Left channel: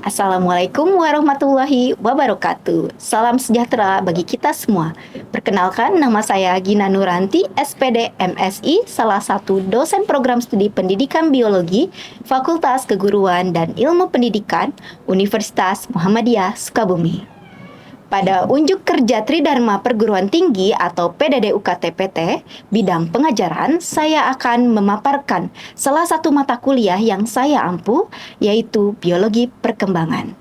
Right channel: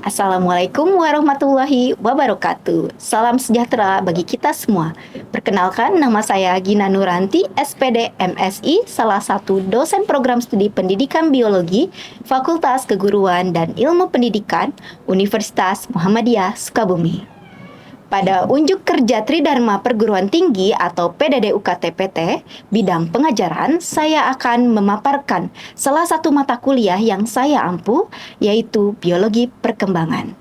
Assalamualaikum warahmatullahi wabarakatuh. Salam sejahtera bagi kita semua. Perkenalkan, nama saya Gina Nuranti, SPD MSI, salah satu dosen program studi pendidikan biologi, Fakultas Keguruan dan Ilmu Pendidikan, Universitas Muhammadiyah Sukabumi. Pada unjuk kerja Tridharma Perguruan Tinggi atau PDD UKT-PT, bidang pengajaran, saya akan memaparkan salah satu mata kuliah yang saya ampu, yaitu Biologi Perkembangan.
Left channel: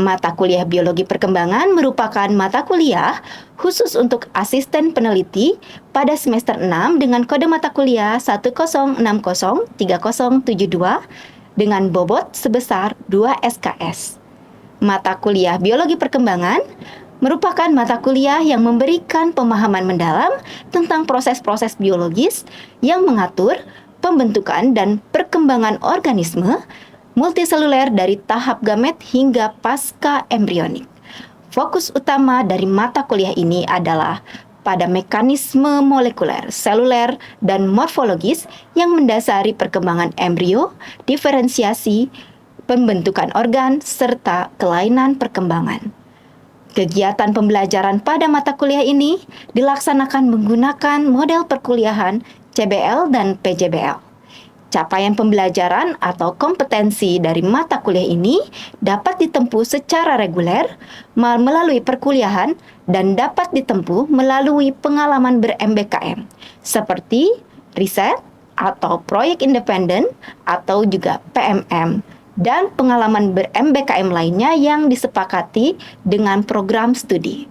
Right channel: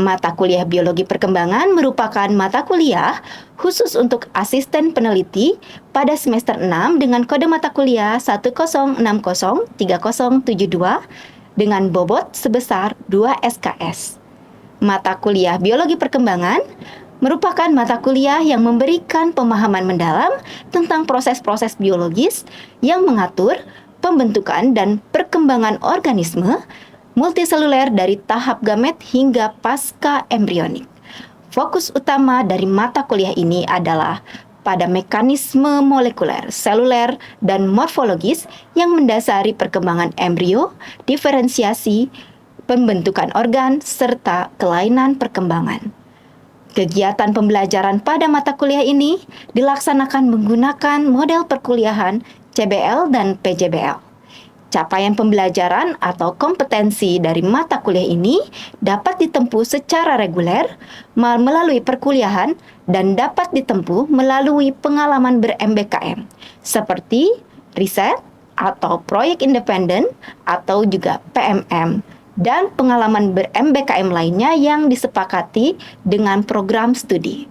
Mata kuliah Biologi Perkembangan merupakan mata kuliah khusus untuk asisten peneliti pada semester 6 dengan kode mata kuliah 10603072 dengan bobot sebesar 2 SKS. Mata kuliah Biologi Perkembangan merupakan mata kuliah yang memberikan pemahaman mendalam tentang proses-proses biologis yang mengatur pembentukan dan perkembangan organisme multiseluler dari tahap gamet hingga pasca embrionik. Fokus utama dari mata kuliah ini adalah pada mekanisme molekuler, seluler, dan morfologis yang mendasari perkembangan embrio, diferensiasi, pembentukan organ, serta kelainan perkembangan. Kegiatan pembelajaran pada mata kuliah ini dilaksanakan menggunakan model perkuliahan CBL dan PJBL. Capaian pembelajaran atau kompetensi dari mata kuliah ini dapat ditempuh secara reguler melalui perkuliahan dan dapat ditempuh melalui pengalaman ber-MBKM, seperti riset atau proyek independen atau juga PMM, dan pengalaman ber-MBKM lainnya yang disepakati dengan program studi.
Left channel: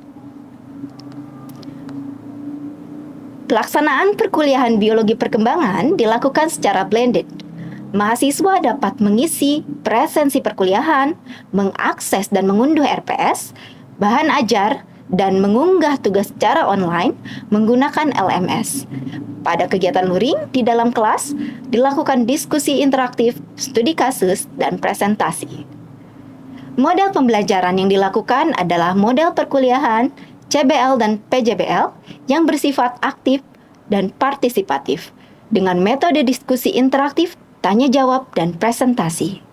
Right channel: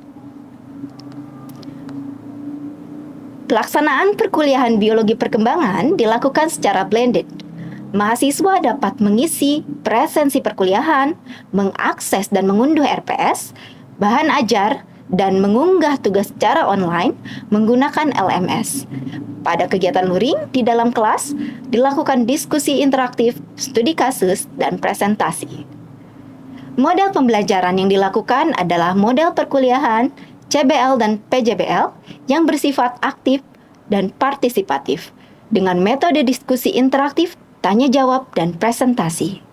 Pelaksanaan perkuliahan biologi perkembangan dilakukan secara blended. Mahasiswa dapat mengisi presensi perkuliahan, mengakses dan mengunduh RPS, bahan ajar, dan mengunggah tugas secara online menggunakan LMS. Pada kegiatan luring di dalam kelas, dilakukan diskusi interaktif, studi kasus, dan presentasi. Model pembelajaran yang dilakukan adalah model perkuliahan, CBL dan PJBL yang bersifat aktif dan partisipatif, dengan metode diskusi interaktif, tanya jawab, dan presentasi.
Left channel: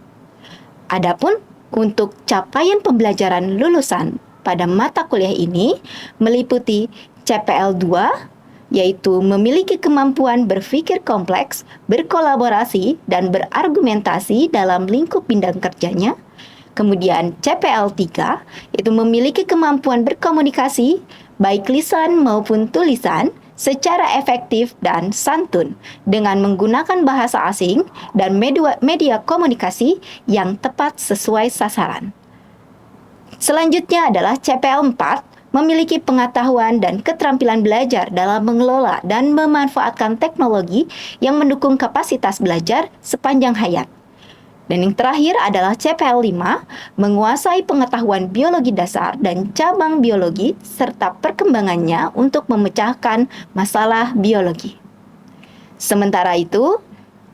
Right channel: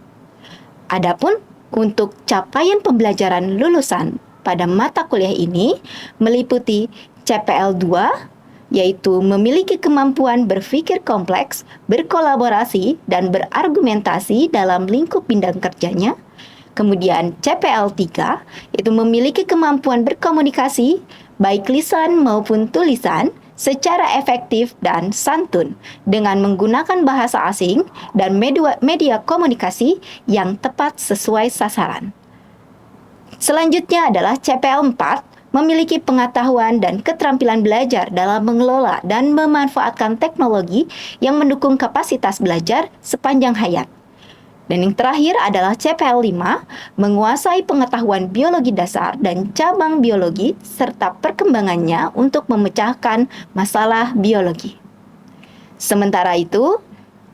Adapun untuk capaian pembelajaran lulusan pada mata kuliah ini meliputi CPL 2, yaitu memiliki kemampuan berpikir kompleks, berkolaborasi, dan berargumentasi dalam lingkup bidang kerjanya. Kemudian CPL 3, yaitu memiliki kemampuan berkomunikasi, baik lisan maupun tulisan, secara efektif dan santun, dengan menggunakan bahasa asing dan media komunikasi yang tepat sesuai sasaran. Selanjutnya adalah CPL 4, memiliki pengetahuan dan keterampilan belajar dalam mengelola dan memanfaatkan teknologi yang mendukung kapasitas belajar sepanjang hayat. Dan yang terakhir adalah CPL 5, menguasai pengetahuan biologi dasar dan cabang biologi serta perkembangannya untuk memecahkan masalah biologi. Sementara itu,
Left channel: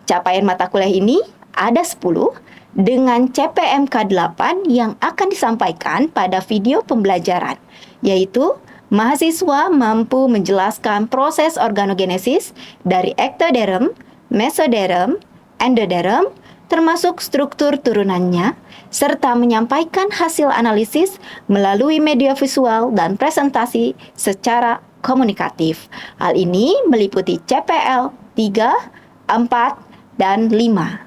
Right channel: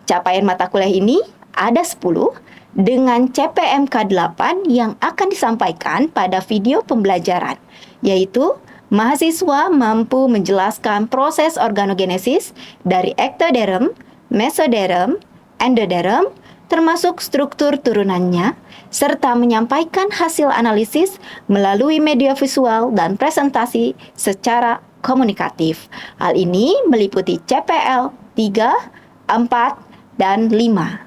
capaian mata kuliah ini ada 10 dengan CPMK 8 yang akan disampaikan pada video pembelajaran, yaitu mahasiswa mampu menjelaskan proses organogenesis dari ektoderm, mesoderm, endoderm, termasuk struktur turunannya, serta menyampaikan hasil analisis melalui media visual dan presentasi secara komunikatif. Hal ini meliputi CPL 3, 4, dan 5.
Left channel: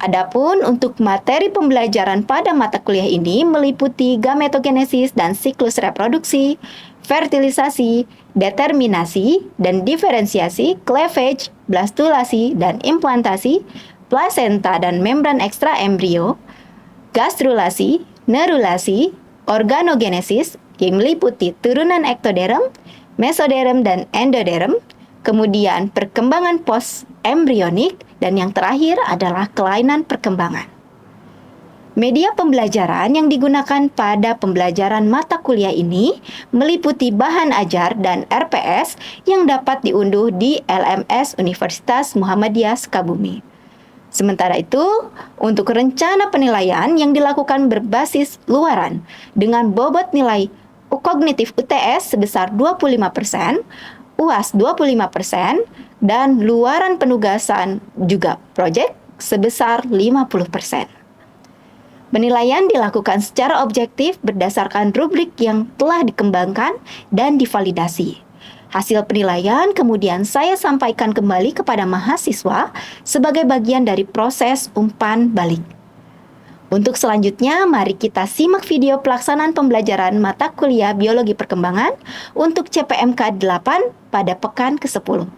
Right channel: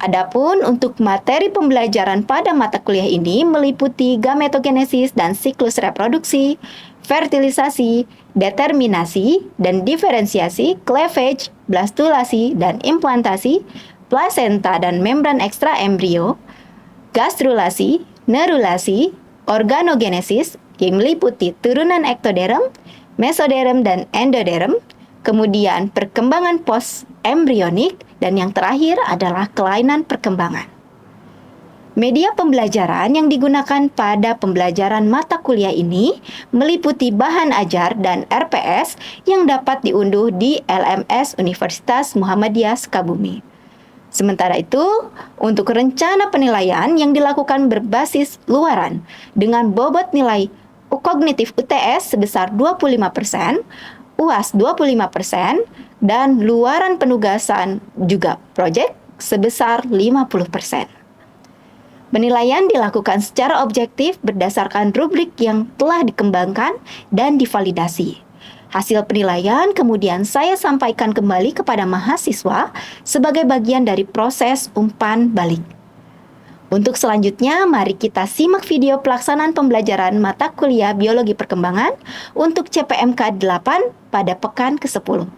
Adapun untuk materi pembelajaran pada mata kuliah ini meliputi gametogenesis dan siklus reproduksi, fertilisasi, determinasi dan diferensiasi, cleavage, blastulasi dan implantasi, plasenta dan membran ekstra embrio, gastrulasi, neurulasi, organogenesis yang meliputi turunan ektoderm, mesoderm dan endoderm, kemudian perkembangan post-embrionik, dan yang terakhir adalah kelainan perkembangan. Media pembelajaran yang digunakan pada pembelajaran mata kuliah ini meliputi bahan ajar dan RPS yang dapat diunduh di LMS Universitas Muhammadiyah Sukabumi. Sementara itu, untuk rencana penilaian yang dilakukan berbasis luaran dengan bobot nilai kognitif UTS sebesar 25%, UAS 25%, dan luaran penugasan juga proyek sebesar 50%. Penilaian dilakukan secara objektif berdasarkan rubrik yang telah dikembangkan dan divalidasi. Hasil penilaian kemudian saya sampaikan kembali kepada mahasiswa sebagai bagian dari proses umpan balik. Untuk selanjutnya, mari kita simak video pelaksanaan pembelajaran mata kuliah Biologi Perkembangan untuk CPMK 8 pada pekan ke-10.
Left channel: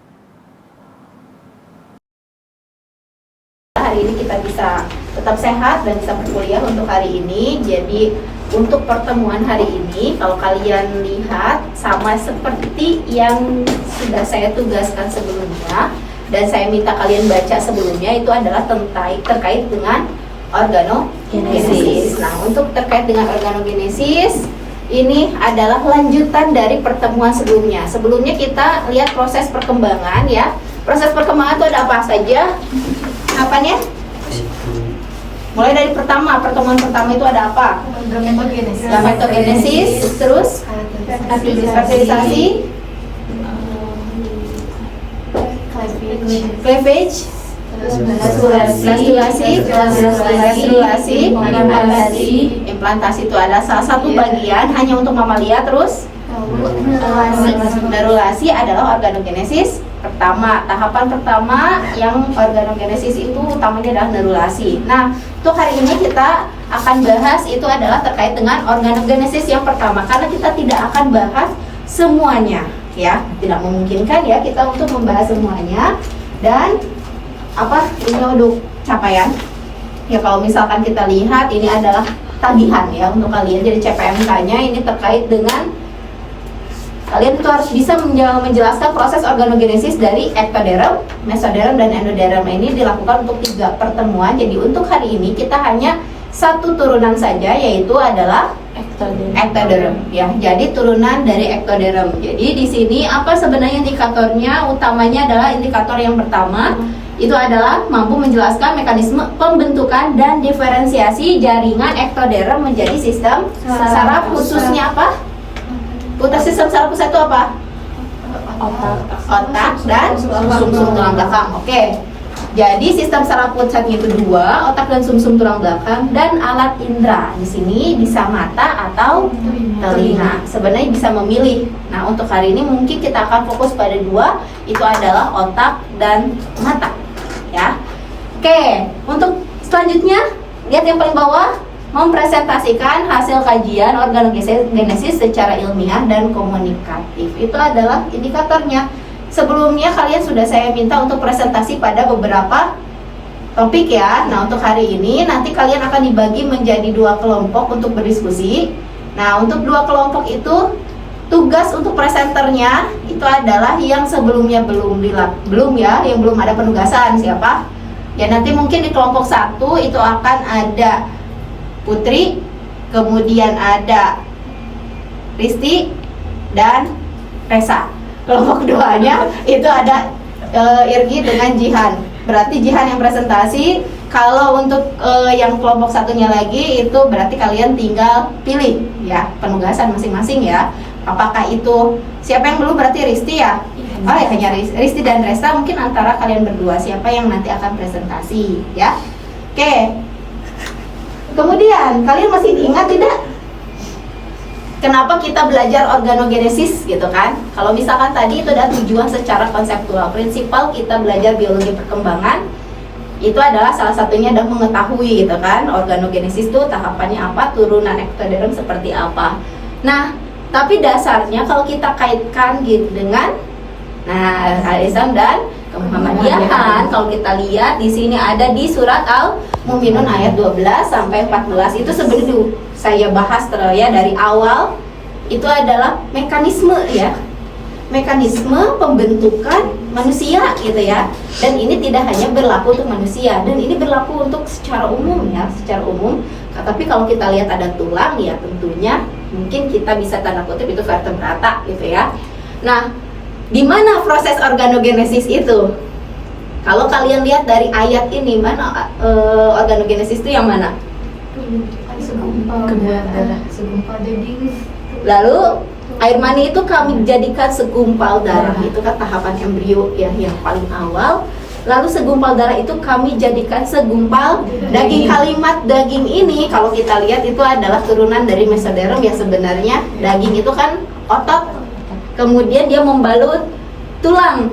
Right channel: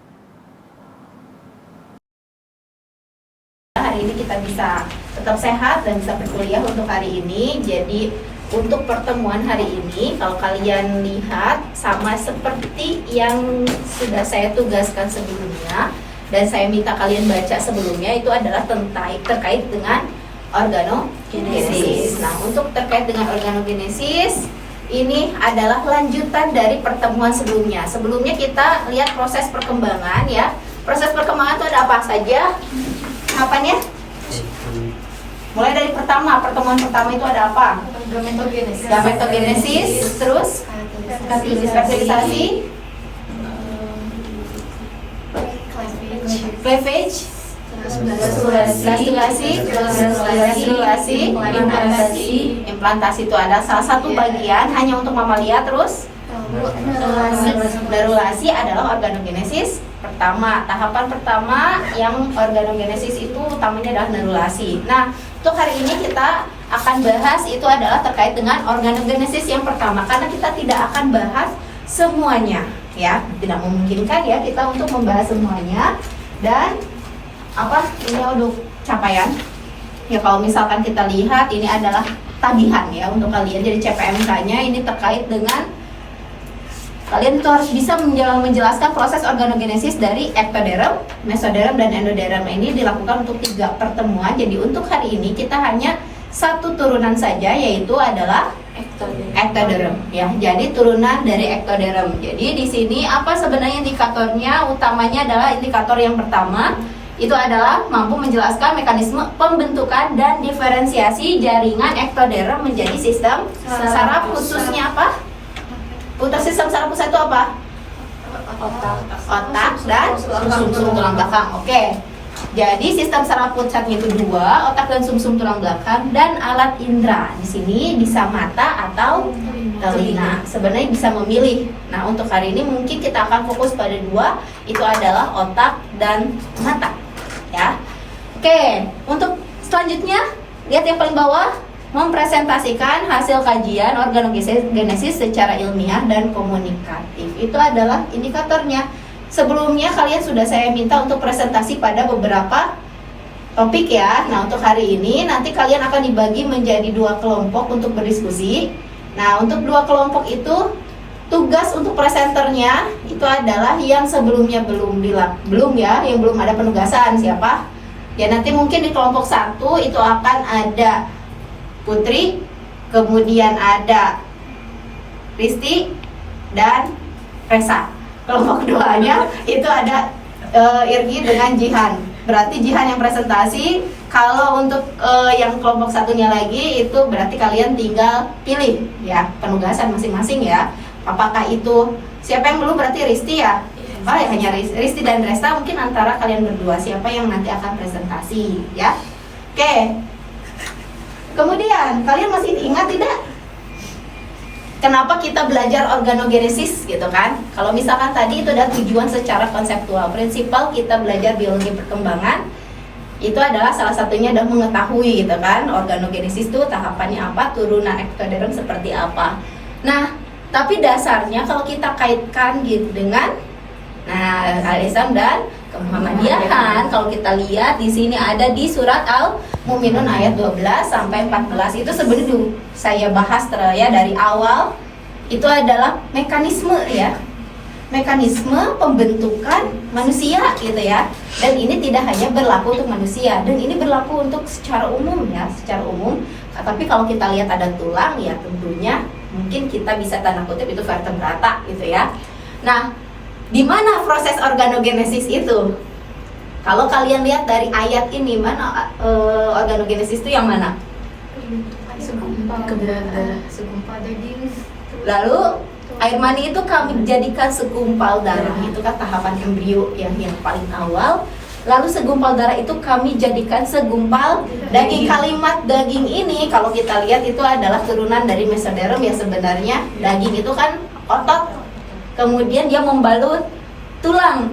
Hari ini kita bisa tetap sehat dan bisa berkuliah untuk hari ini. Jadi untuk pertemuan hari ini, kalau kalian lihat sama seperti yang sudah saya tugaskan sebelumnya dan saya minta kalian baca sebelumnya, itu adalah terkait dengan organogenesis. Nah, untuk terkait dengan organogenesis, ini adalah lanjutan dari pertemuan sebelumnya. Sebelumnya kita lihat proses perkembangan ya. Proses perkembangan itu ada apa saja? Apanya? Mulai dari pertemuan pertama itu ada apa? Gametogenesis, terus fertilisasi, cleavage, gastrulasi, implantasi itu ada salah satu bagian hanya untuk mamalia. Terus nerulasi adalah organogenesis pertama. Tahapan pertama yang organogenesis itu utamanya adalah nerulasi. Nah, untuk hari ini kita akan bahas itu adalah terkait dengan organogenesis yang pertama, karena kita tidak akan bahas semuanya ya, tidak memungkinkan ya kita untuk membahas semuanya. Dan ini untuk capaian ya, kalau misalkan kita lihat ini adalah tagihan ya untuk kalian. Jadi CPMK-nya ini terkait dengan kalian itu harus bisa menjelaskan proses organogenesis dari ektoderm, mesoderm, dan endoderm. Ini dilakukan untuk 3 pertemuan. Jadi untuk hari ini kita hanya satu turunan saja, yaitu adalah ektoderm ya. Jadi turunan dari ektoderm. Jadi di sini apa sebenarnya indikatornya? Utamanya adalah indikator yang pertama itu adalah mampu menjelaskan mekanisme pembentukan dan diferensiasi jaringan ektoderm menjadi sistem saraf, khususnya apa? Putar sistem saraf pusat itu apa? Otak dan sumsum tulang belakang. Oke. Jadi sistem saraf pusatnya itu 2, otak dan sumsum tulang belakang, dan alat indera. Di sini bisa mata atau telinga. Sebenarnya bisa memilih. Nah, untuk hari ini mungkin kita akan fokus pada 2, itu adalah otak dan mata. Ya. Oke, untuk selanjutnya lihat yang paling bawah, mempresentasikan hasil kajian organogenesis secara ilmiah dan komunikatif. Itu adalah indikatornya. Sebelumnya kalian sudah saya minta untuk presentasi pada beberapa topik ya. Nah, untuk hari ini nanti kalian akan dibagi menjadi 2 kelompok untuk berdiskusi. Nah, untuk 2 kelompok itu tugas untuk presenternya itu adalah yang sebelumnya belum yang belum ada penugasan. Siapa? Ya, nanti mungkin di kelompok 1 itu akan ada Putri, kemudian ada Risti dan Resa. Kelompok keduanya itu ada Irgi dengan Jihan. Berarti Jihan yang presentasi. Kalau untuk yang kelompok satunya lagi itu berarti kalian tinggal pilih ya penugasan masing-masing ya. Apakah itu siapa yang belum? Berarti Risti ya. Oh ya, hanya Risti dan Resa. Mungkin antara kalian berdua siapa yang nanti akan presentasi ya. Oke. Kemudian kalian masih ingat tidak kenapa kita belajar organogenesis gitu kan? Kalau misalkan tadi itu adalah tujuan secara konseptual, prinsipal kita belajar biologi perkembangan itu adalah salah satunya adalah mengetahui gitu kan organogenesis itu tahapannya apa, turunan ektoderm seperti apa. Nah, tapi dasarnya kalau kita kaitkan gitu dengan Al-Islam dan Muhammadiyahan, kalau kita lihat di sini ada di surat Al-Mu'minun ayat 12 sampai 14 itu sebenarnya saya bahas ya dari awal itu adalah mekanisme ya. Mekanisme pembentukan manusia gitu ya. Dan ini tidak hanya berlaku untuk manusia dan ini berlaku untuk secara umum ya, secara umum. Nah, tapi kalau kita lihat ada tulang ya tentunya mungkin kita bisa tanda kutip itu vertebrata gitu ya. Nah, di mana proses organogenesis itu? Kalau kalian lihat dari ayat ini, mana organogenesis itu yang mana? Segumpal daging. Lalu air mani itu kami jadikan segumpal darah. Itu kan tahapan embrio ya yang paling awal. Lalu segumpal darah itu kami jadikan segumpal daging. Kalimat daging ini kalau kita lihat itu adalah turunan dari mesoderm ya. Sebenarnya daging itu kan otot, kemudian dia membalut tulang.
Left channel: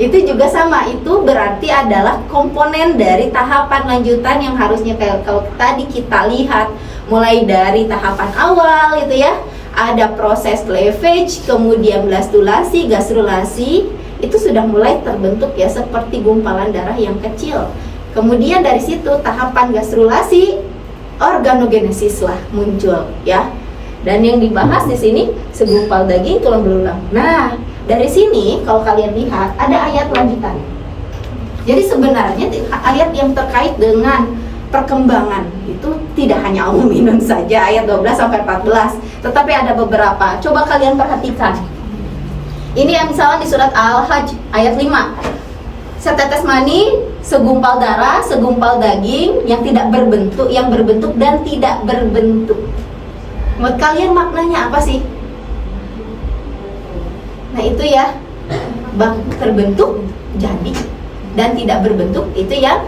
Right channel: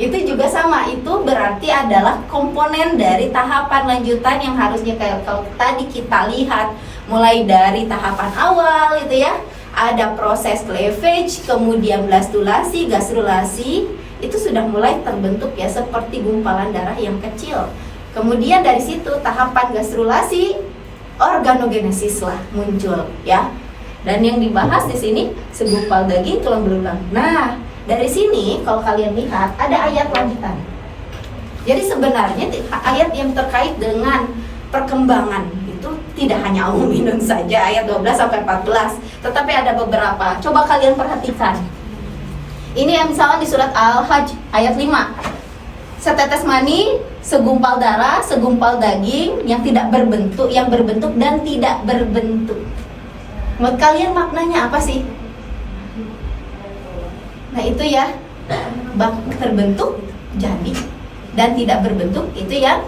Itu juga sama, itu berarti adalah komponen dari tahapan lanjutan yang harusnya kalau tadi kita lihat mulai dari tahapan awal itu ya, ada proses cleavage, kemudian blastulasi, gastrulasi, itu sudah mulai terbentuk ya seperti gumpalan darah yang kecil. Kemudian dari situ tahapan gastrulasi, organogenesis lah muncul ya. Dan yang dibahas di sini segumpal daging tulang belulang. Nah, dari sini kalau kalian lihat ada ayat lanjutan. Jadi sebenarnya ayat yang terkait dengan perkembangan itu tidak hanya minum saja ayat 12 sampai 14, tetapi ada beberapa. Coba kalian perhatikan. Ini yang misalnya di surat Al-Hajj ayat 5. Setetes mani, segumpal darah, segumpal daging yang tidak berbentuk, yang berbentuk dan tidak berbentuk. Menurut kalian maknanya apa sih? Nah itu ya, terbentuk jadi dan tidak berbentuk itu yang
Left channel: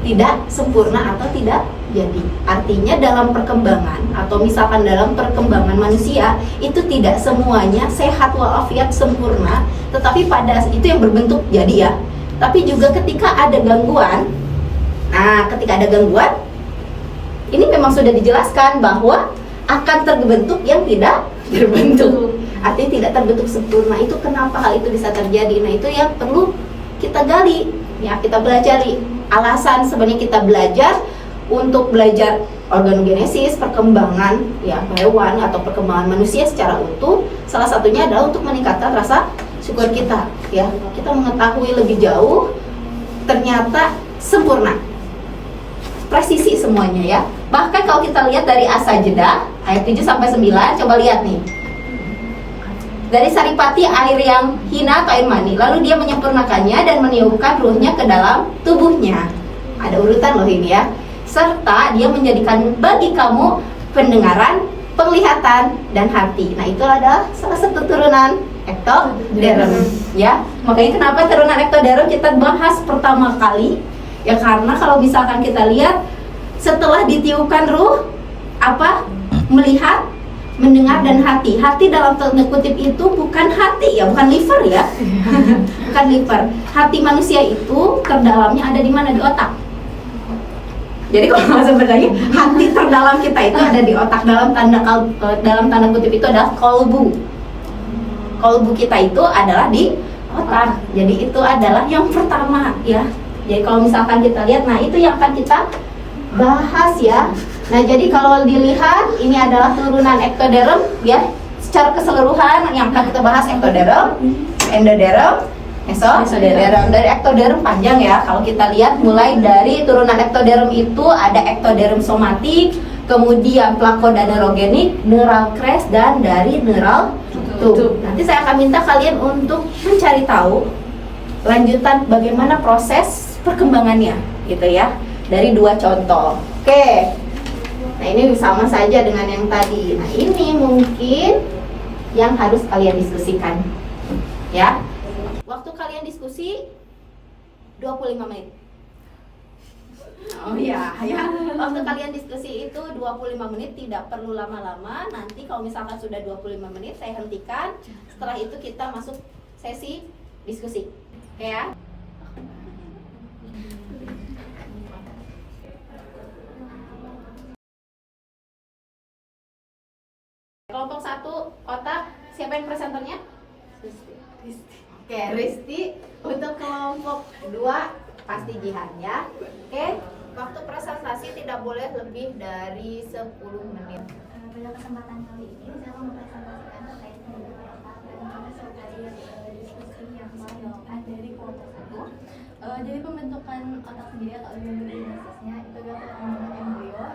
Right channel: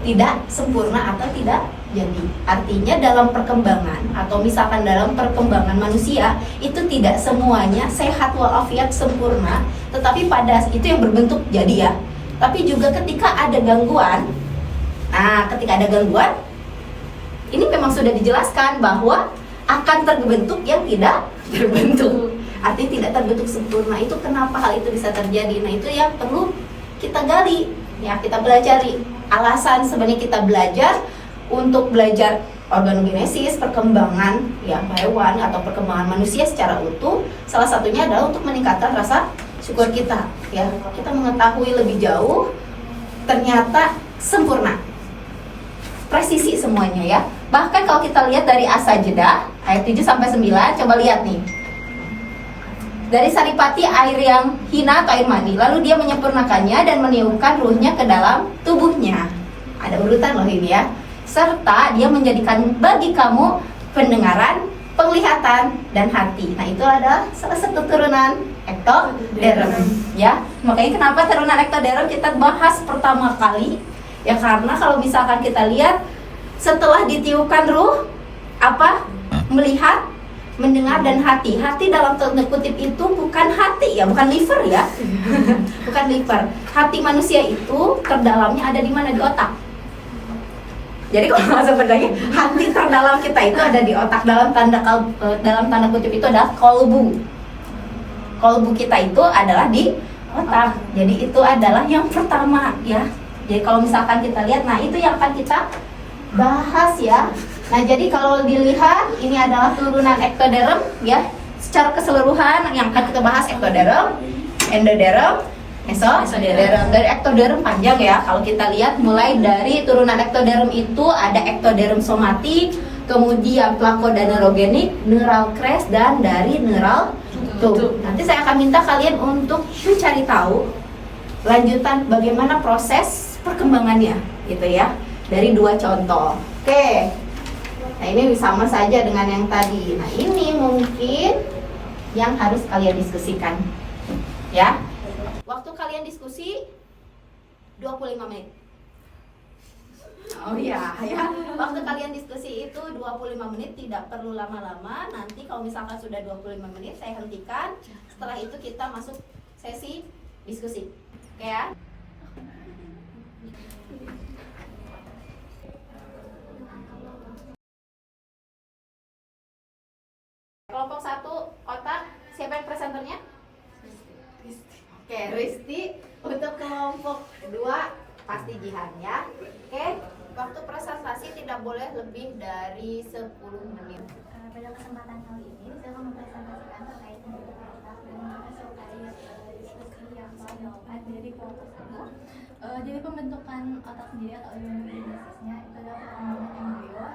tidak sempurna atau tidak jadi. Artinya dalam perkembangan atau misalkan dalam perkembangan manusia itu tidak semuanya sehat walafiat sempurna, tetapi pada itu yang berbentuk jadi ya. Tapi juga ketika ada gangguan, ketika ada gangguan ini memang sudah dijelaskan bahwa akan terbentuk yang tidak terbentuk, artinya tidak terbentuk sempurna. Itu kenapa hal itu bisa terjadi. Nah itu yang perlu kita gali ya, kita pelajari. Alasan sebenarnya kita belajar untuk belajar organogenesis, perkembangan ya hewan atau perkembangan manusia secara utuh, salah satunya adalah untuk meningkatkan rasa syukur kita ya. Kita mengetahui lebih jauh ternyata sempurna, presisi semuanya ya. Bahkan kalau kita lihat dari As-Sajdah ayat 7 sampai 9, coba lihat nih. Dari saripati air yang hina atau air mani, lalu dia menyempurnakannya dan meniupkan ruhnya ke dalam tubuhnya. Ada urutan loh ini ya. Serta dia menjadikan bagi kamu pendengaran, penglihatan, dan hati. Nah itu adalah salah satu turunan ektoderm ya. Makanya kenapa turunan ektoderm kita bahas pertama kali ya, karena kalau misalkan kita lihat setelah ditiupkan ruh, apa? Melihat, mendengar, dan hati. Hati dalam tanda kutip itu bukan hati ya, bukan liver ya. Bukan liver. Hati manusia itu terdalamnya ada di mana? Di otak. Jadi kalau sebenarnya hati terdalam kita itu ada di otak. Dalam tanda kutip itu adalah kolbu. Kolbu kita itu adalah di otak. Jadi itu adalah yang pertama ya. Jadi kalau misalkan kita lihat, nah itu yang akan kita bahas ya. Nah jadi kalau dilihat ini adalah turunan ektoderm ya. Secara keseluruhan yang akan kita bahas ektoderm, endoderm, mesoderm. Dari ektoderm panjang ya. Kalau kita lihat mulai dari turunan ektoderm itu ada ektoderm somatik, kemudian plakodanerogenik, neural crest, dan dari neural tube. Nanti saya akan minta kalian untuk mencari tahu lanjutan bagaimana proses perkembangannya gitu ya. Dari dua contoh. Oke. Nah, ini sama saja dengan yang tadi. Nah, ini mungkin yang harus kalian diskusikan. Ya. Waktu kalian diskusi 25 menit. Oh iya, ya. Waktu kalian diskusi itu 25 menit, tidak perlu lama-lama. Nanti kalau misalkan sudah 25 menit saya hentikan. Setelah itu kita masuk sesi diskusi. Oke ya. Kelompok 1 otak, siapa yang presenternya? Oke, Risti. Untuk kelompok 2 pasti Jihan ya. Oke, waktu presentasi tidak boleh lebih dari 10 menit. Pada kesempatan kali ini saya akan mempresentasikan terkait dengan otak dan juga terkait diskusi yang telah dilakukan dari kelompok 1. Jadi pembentukan otak sendiri atau organogenesisnya itu adalah perkembangan embrio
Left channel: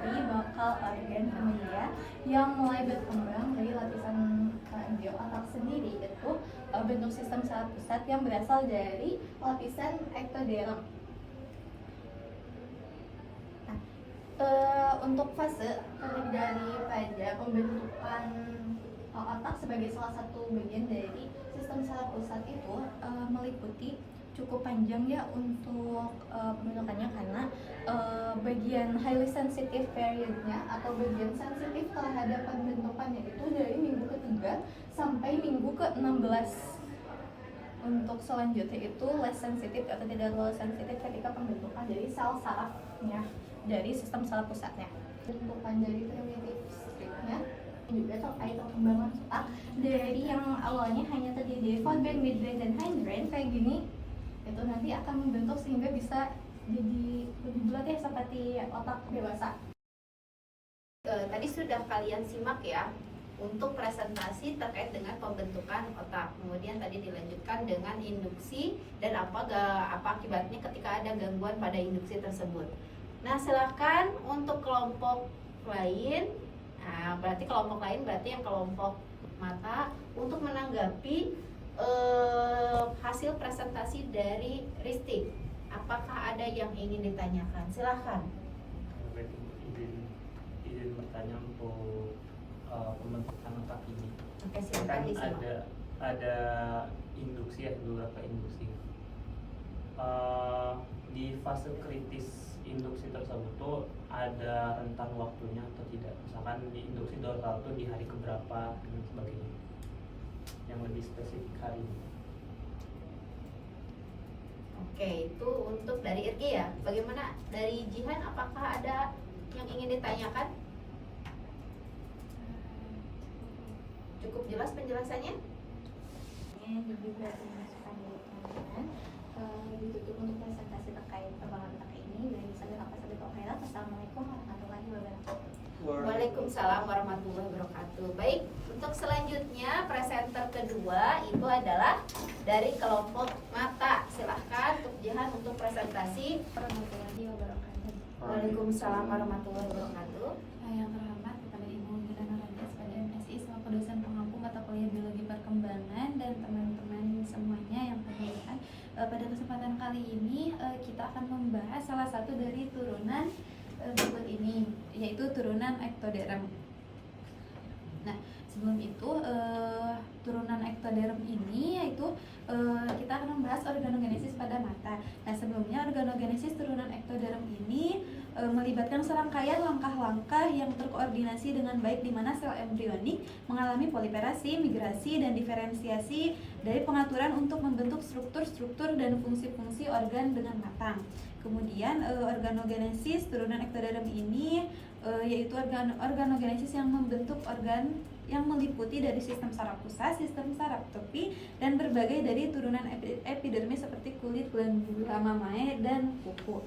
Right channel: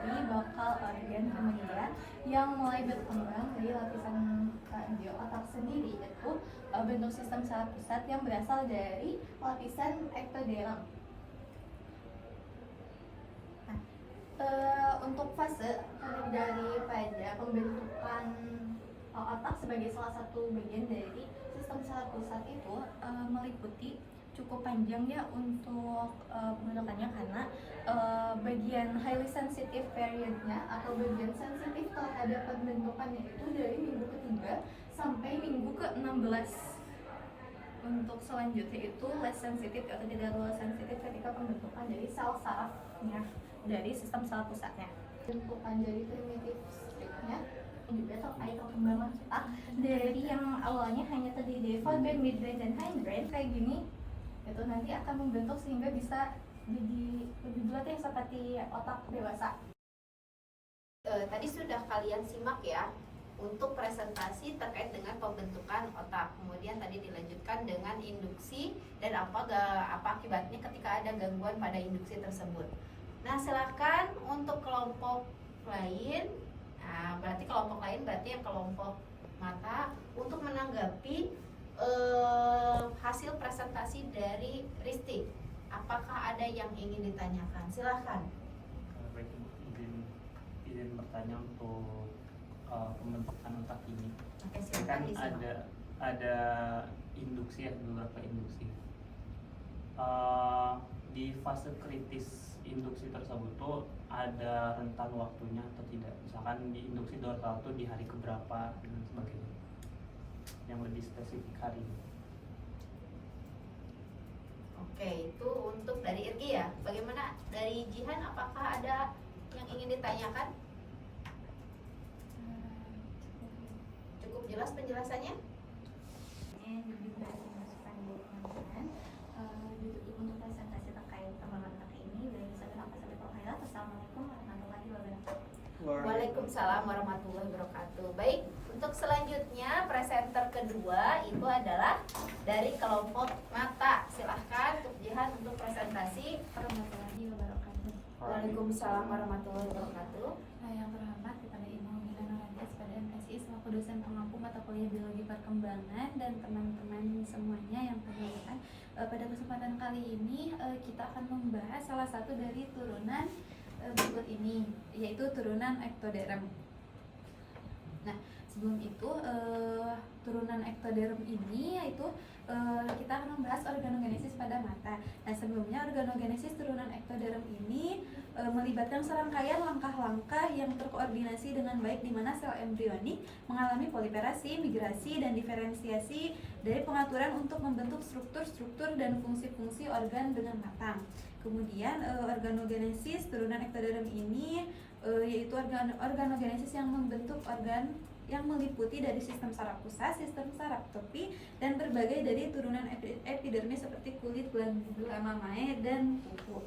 dari bakal organ manusia yang mulai berkembang dari lapisan embrio. Otak sendiri itu bentuk sistem saraf pusat yang berasal dari lapisan ektoderm. Untuk fase terdiri daripada pembentukan otak sebagai salah satu bagian dari sistem saraf pusat itu meliputi cukup panjang ya untuk pembentukannya, karena bagian highly sensitive periodnya atau bagian sensitif terhadap pembentukannya itu dari minggu ketiga sampai minggu ke-16. Untuk selanjutnya itu less sensitif atau tidak terlalu sensitif ketika pembentukan dari sel sarafnya dari sistem saraf pusatnya. Bentukan dari primitif stripnya juga terkait perkembangan otak dari yang awalnya hanya terdiri dari forebrain, midbrain, dan hindbrain kayak gini, itu nanti akan membentuk sehingga bisa jadi lebih bulat ya seperti otak dewasa. Tadi sudah kalian simak ya untuk presentasi terkait dengan pembentukan otak. Kemudian tadi dilanjutkan dengan induksi dan apa akibatnya ketika ada gangguan pada induksi tersebut. Nah, silakan untuk kelompok lain. Nah, berarti kelompok lain berarti yang kelompok mata untuk menanggapi hasil presentasi dari Risti. Apakah ada yang ingin ditanyakan? Silakan. Izin bertanya untuk pembentukan otak ini. Oke, silakan Kan disimak. ada induksi ya, beberapa induksi. Di fase kritis induksi tersebut tuh ada rentan waktunya atau tidak? Misalkan di induksi dorsal tuh di hari keberapa dan sebagainya. Yang lebih spesifik hari ini. Oke, itu untuk dari Irgi ya. Bagaimana dari Jihan? Apakah ada yang ingin ditanyakan? Cukup jelas penjelasannya? Ini juga dimasukkan di teman-teman. Ditutup untuk presentasi terkait perkembangan otak ini. Dari saya apa saja khairat. Assalamualaikum warahmatullahi wabarakatuh. Waalaikumsalam warahmatullahi wabarakatuh. Baik, untuk selanjutnya presenter kedua itu adalah dari kelompok mata. Silahkan untuk Jihan untuk presentasi. Warahmatullahi wabarakatuh. Waalaikumsalam warahmatullahi wabarakatuh. Yang terhormat kepada Ibu Gina Nurhadiah kepada MSI selaku dosen pengampu mata kuliah biologi perkembangan dan teman-teman semuanya yang berkenan. Pada kesempatan kali ini kita akan membahas salah satu dari turunan berikut ini, yaitu turunan ectoderm. Nah, sebelum itu turunan ectoderm ini yaitu kita akan membahas organogenesis pada mata. Nah, sebelumnya organogenesis turunan ectoderm ini melibatkan serangkaian langkah-langkah yang terkoordinasi dengan baik di mana sel embrionik mengalami proliferasi, migrasi, dan diferensiasi dari pengaturan untuk membentuk struktur-struktur dan fungsi-fungsi organ dengan matang. Kemudian organogenesis turunan ectoderm ini yaitu organogenesis yang membentuk organ yang meliputi dari sistem saraf pusat, sistem saraf topi, dan berbagai dari turunan epidermis seperti kulit, glandula mamae, dan kuku.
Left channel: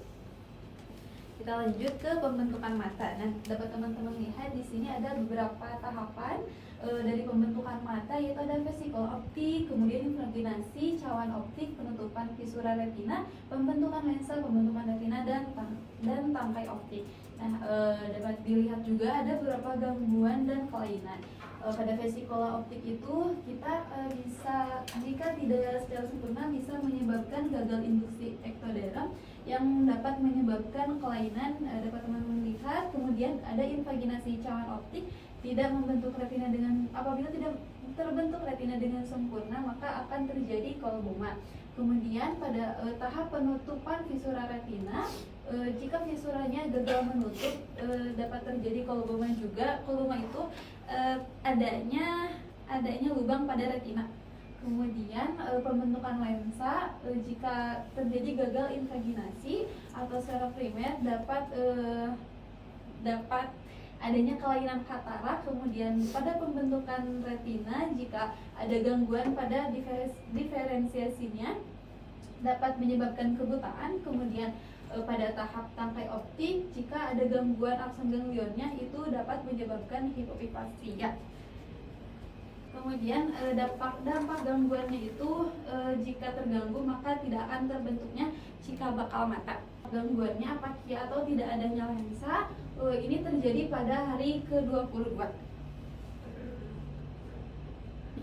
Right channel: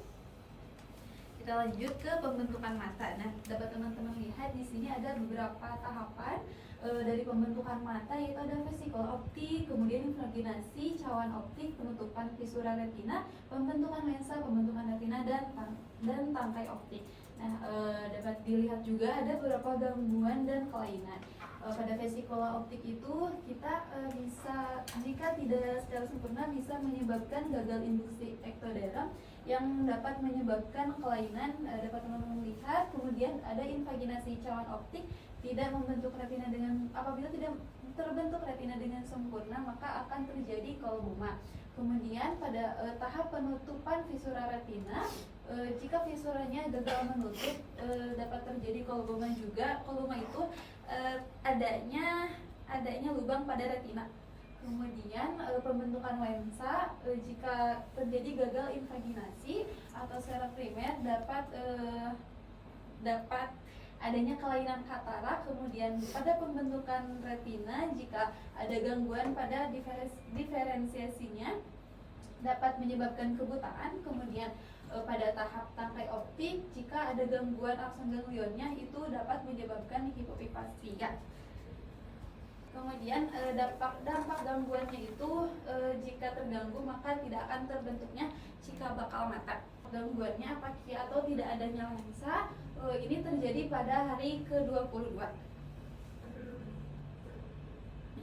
Kita lanjut ke pembentukan mata. Nah, dapat teman-teman lihat di sini ada beberapa tahapan dari pembentukan mata, yaitu ada vesikel optik, kemudian imvaginasi, cawan optik, penutupan visura retina, pembentukan lensa, pembentukan retina, dan tangkai optik. Nah, dapat dilihat juga ada beberapa gangguan dan kelainan. Pada vesikola optik itu kita bisa, jika tidak secara sempurna, bisa menyebabkan gagal induksi ectoderm yang dapat menyebabkan kelainan. Dapat teman-teman lihat. Kemudian ada invaginasi cawan optik, tidak membentuk retina dengan, apabila tidak terbentuk retina dengan sempurna maka akan terjadi kolboma. Kemudian pada tahap penutupan visura retina, jika visuranya gagal menutup dapat terjadi kolboma juga. Kolboma itu adanya lubang pada retina. Kemudian pembentukan lensa, jika terjadi gagal invaginasi atau secara primer dapat adanya kelainan katarak. Kemudian pada pembentukan retina, jika ada gangguan pada diferensiasinya dapat menyebabkan kebutaan. Kemudian pada tahap tangkai optik, jika ada gangguan akson ganglionnya itu dapat menyebabkan hipopifasia. Kemudian dampak gangguannya itu jika terganggu maka tidak akan terbentuknya cikal bakal mata. Gangguannya apakia atau tidak adanya lensa ini terjadi pada hari ke-22.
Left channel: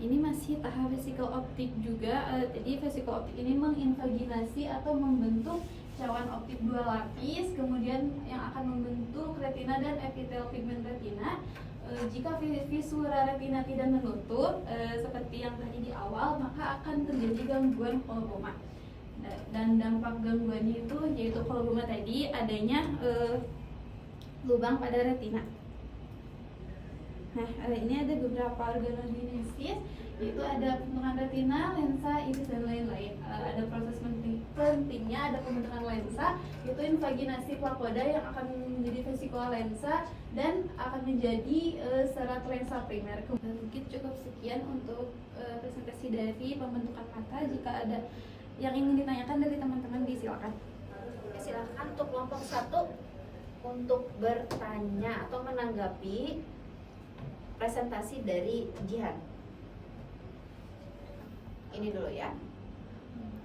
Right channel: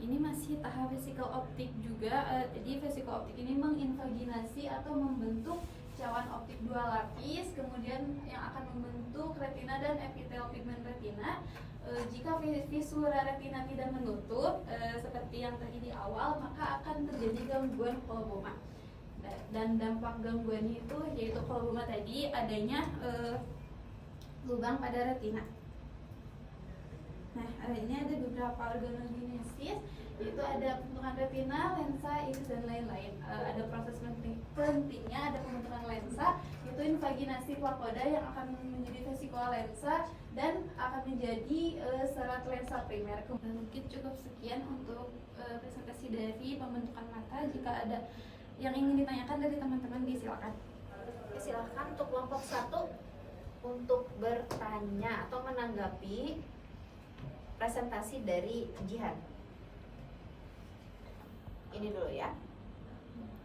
Ini masih tahap vesikel optik juga. Jadi vesikel optik ini menginvaginasi atau membentuk cawan optik dua lapis, kemudian yang akan membentuk retina dan epitel pigmen retina. Jika visura retina tidak menutup seperti yang terjadi di awal, maka akan terjadi gangguan kolboma. dan dampak gangguannya itu yaitu kalau Buma tadi adanya lubang pada retina. Nah, ini ada beberapa organogenesis, yaitu ada pembentukan retina, lensa, iris, dan lain-lain. Ada proses pentingnya, ada pembentukan lensa, yaitu invaginasi plakoda yang akan menjadi vesicula lensa dan akan menjadi serat lensa primer. Mungkin cukup sekian untuk presentasi dari pembentukan mata. Jika ada yang ingin ditanyakan dari teman-teman, disilakan. Silakan untuk kelompok 1 untuk bertanya atau menanggapi presentasi dari Jihan. Ini dulu ya,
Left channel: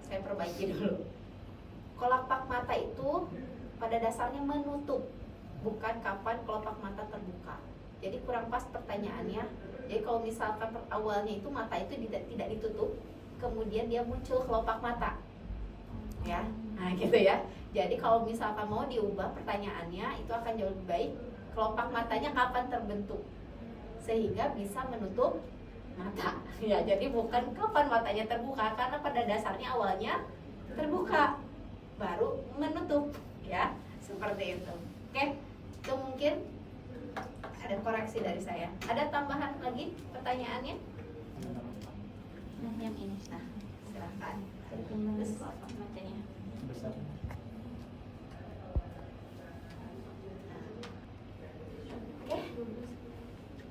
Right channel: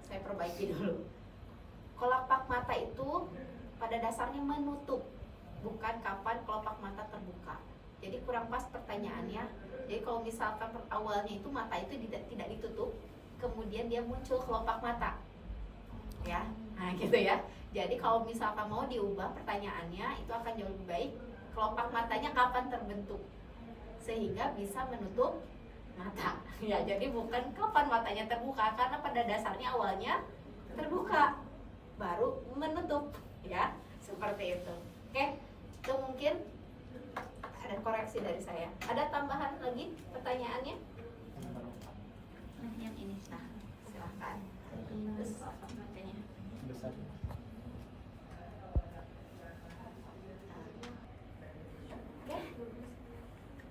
saya perbaiki dulu. Kelopak mata itu pada dasarnya menutup, bukan kapan kelopak mata terbuka. Jadi kurang pas pertanyaannya. Jadi kalau misalkan awalnya itu mata itu tidak ditutup, kemudian dia muncul kelopak mata, ya, nah gitu ya. Jadi kalau misalkan mau diubah pertanyaannya, itu akan jauh lebih baik. Kelopak matanya kapan terbentuk, sehingga bisa menutup mata. Ya, jadi bukan kapan matanya terbuka, karena pada dasarnya awalnya terbuka, baru menutup, ya, seperti itu. Oke, itu mungkin ada koreksi dari saya. Ada tambahan lagi pertanyaannya? Nah, yang ini. Nah, silahkan. Terus kelopak matanya. Besar. Oke,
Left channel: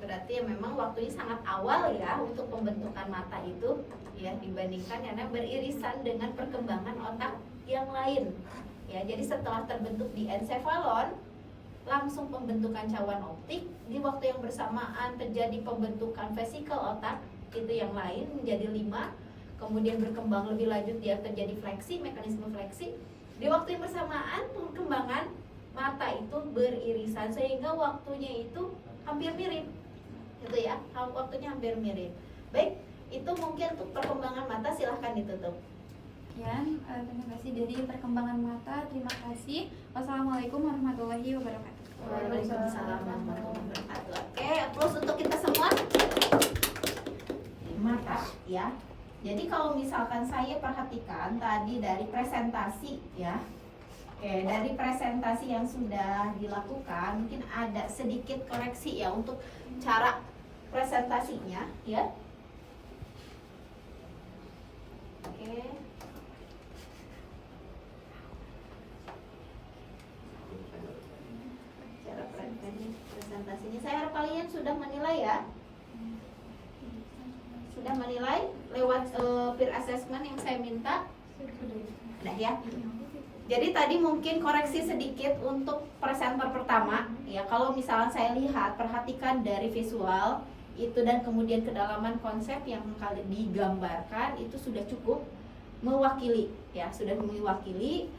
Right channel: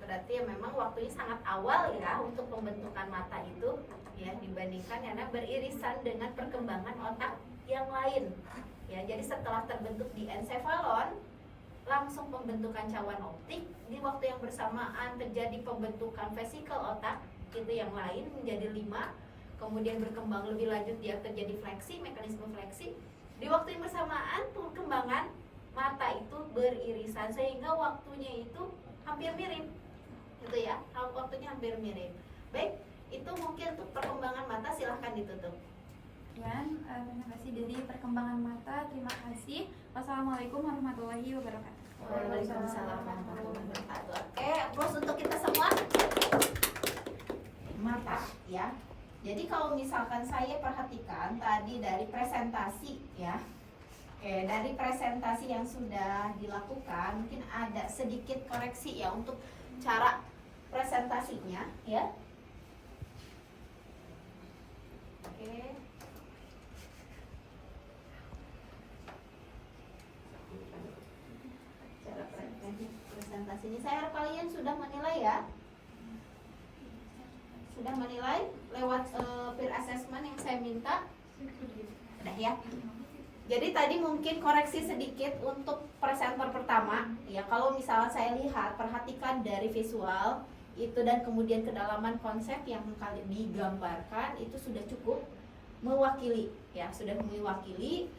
berarti ya memang waktunya sangat awal ya untuk pembentukan mata itu, ya, dibandingkan karena beririsan dengan perkembangan otak yang lain, ya. Jadi setelah terbentuk di ensefalon, langsung pembentukan cawan optik, di waktu yang bersamaan terjadi pembentukan vesikel otak itu yang lain menjadi 5, kemudian berkembang lebih lanjut dia terjadi fleksi, mekanisme fleksi. Di waktu yang bersamaan perkembangan mata itu beririsan sehingga waktunya itu hampir mirip, gitu ya, waktunya hampir mirip. Baik, itu mungkin untuk perkembangan mata, silahkan ditutup. Sekian, terima kasih dari perkembangan mata. Terima kasih. Wassalamualaikum warahmatullahi wabarakatuh. Waalaikumsalam warahmatullahi wabarakatuh. Oke, terus untuk kita semua mata, ya. Jadi kalau misalkan saya perhatikan tadi dari presentasi, ya. Oke, dari presentasi yang sudah dilakukan, mungkin ada sedikit koreksi ya untuk cara presentasinya, ya. Oke. Cara presentasinya, saya harap kalian sudah menilai ya. Sudah menilai lewat peer assessment yang saya minta. Udah ya. Jadi tadi mungkin koreksi sedikit untuk presenter pertama, ya. Kalau misalnya saya lihat, perhatikan dari visual itu dan kemudian kedalaman konsep yang kali digambarkan itu sudah cukup mewakili, ya, sudah mewakili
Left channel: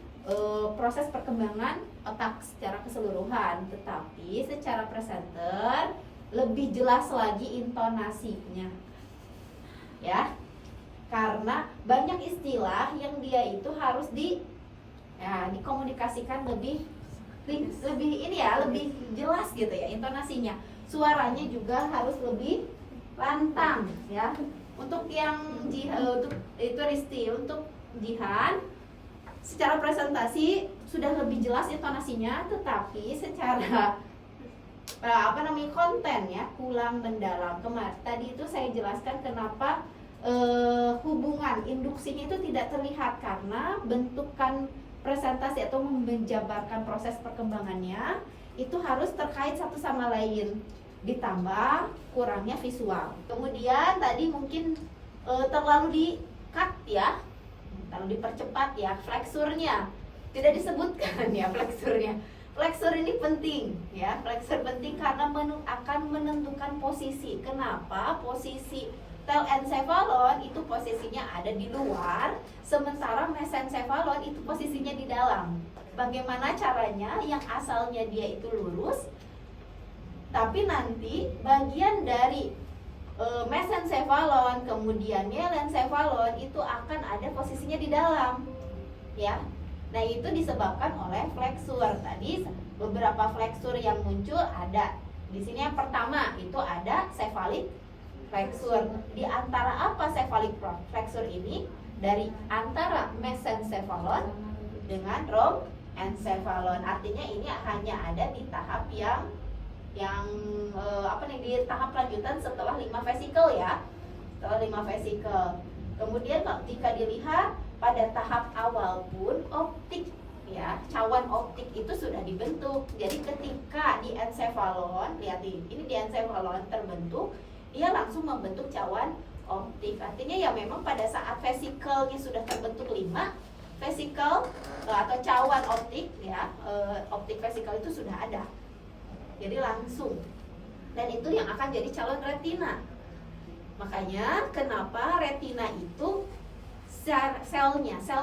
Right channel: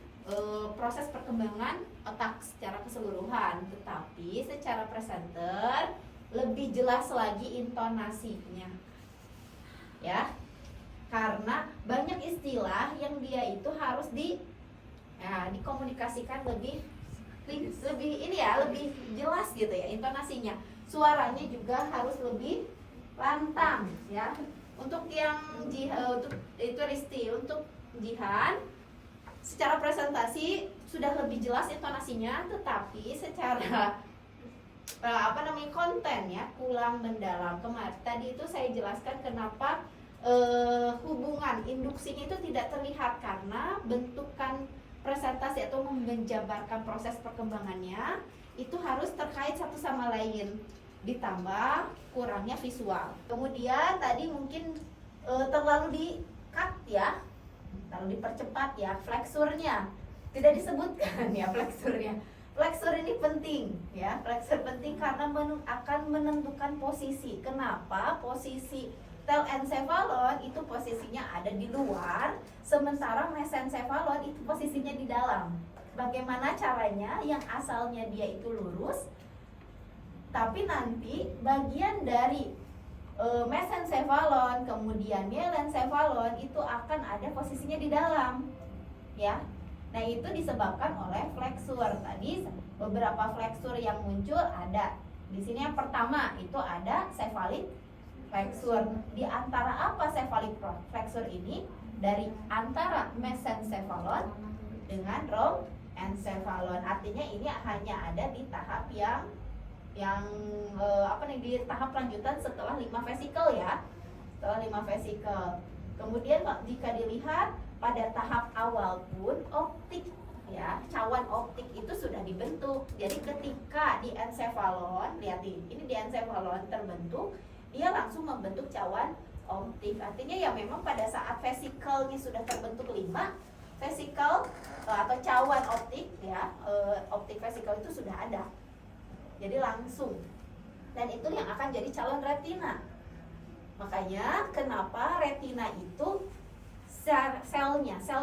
proses perkembangan otak secara keseluruhan. Tetapi secara presenter lebih jelas lagi intonasinya, ya, karena banyak istilah yang dia itu harus dikomunikasikan lebih ini ya, lebih jelas gitu ya intonasinya. Suaranya juga harus lebih lantang, ya. Untuk yang untuk itu Risti, untuk Jihan secara presentasi sudah lebih jelas intonasinya, tetapi secara konten ya kurang mendalam. Kemarin tadi itu saya jelaskan kenapa hubungan induksinya itu tidak terlihat karena bentukan presentasi atau menjabarkan proses perkembangannya itu harus terkait satu sama lain, ditambah kurangnya visual. Kemudian tadi mungkin terlalu di-cut ya, terlalu dipercepat ya fleksurnya, tidak disebutkan ya fleksurnya. Fleksur ini penting ya, fleksur penting karena akan menentukan posisi. Kenapa? Posisi telencephalon itu posisinya ada di luar, sementara mesencephalon itu posisinya di dalam. Bagaimana caranya? Yang asalnya dia itu lurus, tapi nanti bagian dari mesencephalon kemudian myelencephalon itu akan ada posisinya di dalam, ya. Nah, itu disebabkan oleh fleksur. Tadi beberapa fleksur yang muncul ada. Di sini yang pertama itu ada cephalic fleksur. Di antara apa cephalic fleksur ini? dari antara mesencephalon dengan romencephalon. Artinya ini hanya ada di tahap yang di tahap lanjutan setelah 5 vesikel ya. Setelah 5 vesikel. Kemudian jika dilihat pada tahap awal pun optik ya, cawan optik itu sudah dibentuk. Jadi ketika di encephalon, lihat ini di encephalon terbentuk, ia langsung membentuk cawan optik. Artinya ya memang pada saat vesikelnya sudah terbentuk 5 vesikel atau cawan optik ya, optik vesikel itu sudah ada. Jadi langsung. Dan itu yang akan jadi calon retina. Makanya kenapa retina itu sel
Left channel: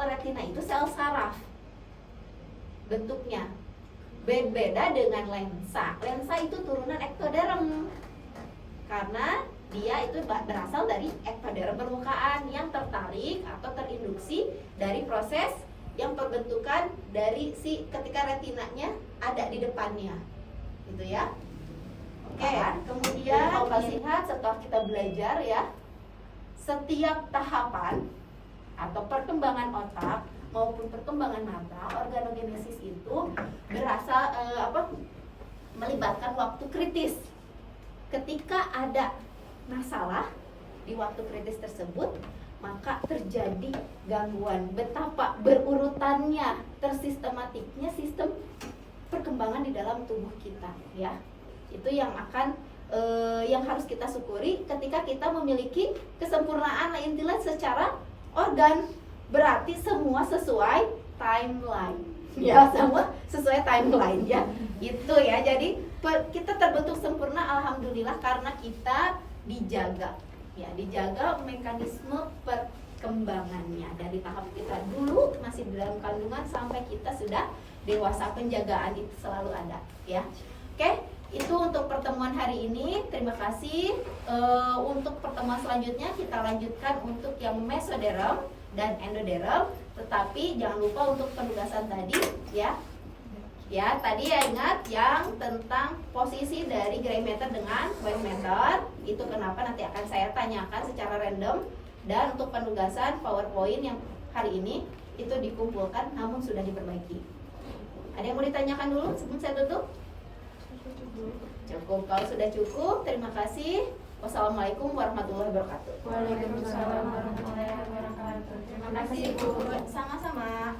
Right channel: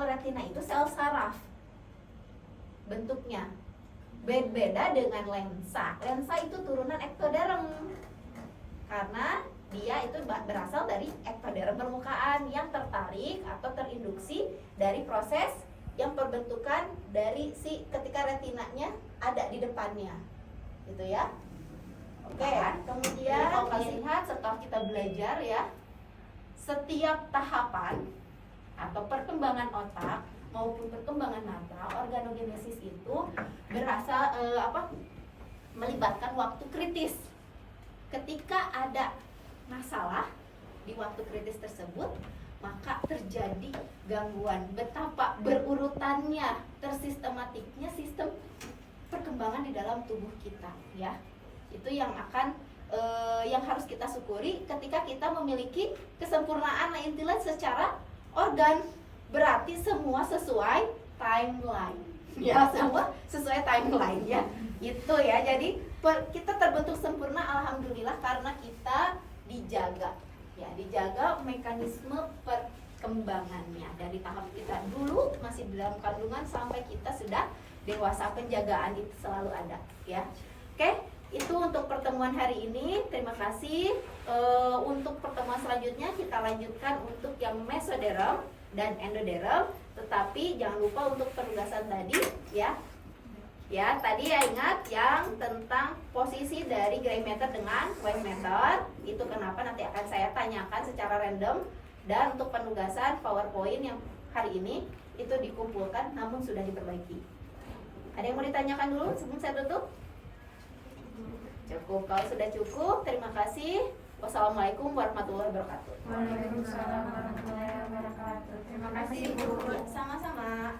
retina itu sel saraf bentuknya. Beda dengan lensa. Lensa itu turunan ektoderm. Karena dia itu berasal dari ektoderm permukaan yang tertarik atau terinduksi dari proses yang perbentukan dari ketika retinanya ada di depannya, gitu ya. Oke, kemudian kita lihat setelah kita belajar ya, setiap tahapan atau perkembangan otak maupun perkembangan mata, organogenesis itu berasal melibatkan waktu kritis. Ketika ada masalah di waktu kritis tersebut, maka terjadi gangguan. Betapa berurutannya, tersistematiknya sistem perkembangan di dalam tubuh kita, ya. Itu yang akan yang harus kita syukuri ketika kita memiliki kesempurnaan intelek secara organ. Berarti semua sesuai timeline. Ya, semua sesuai timeline ya. Itu ya. Jadi kita terbentuk sempurna alhamdulillah karena kita dijaga mekanisme perkembangannya dari tahap kita dulu masih di dalam kandungan sampai kita sudah dewasa. Penjagaan itu selalu ada ya. Oke, itu untuk pertemuan hari ini. Terima kasih. Untuk pertemuan selanjutnya kita lanjutkan untuk yang mesoderm dan endoderm, tetapi jangan lupa untuk penugasan tadi ya. Ya, tadi ya ingat yang tentang posisi dari gray matter dengan white matter. Itu kenapa nanti akan saya tanyakan secara random. Dan untuk penugasan PowerPoint yang hari ini itu dikumpulkan namun sudah diperbaiki. Ada yang mau ditanyakan dulu sebelum saya tutup? Cukup. Kalau sudah cukup, terima kasih. Wassalamualaikum warahmatullahi wabarakatuh. Waalaikumsalam warahmatullahi wabarakatuh. Terima kasih Bu. Sama-sama.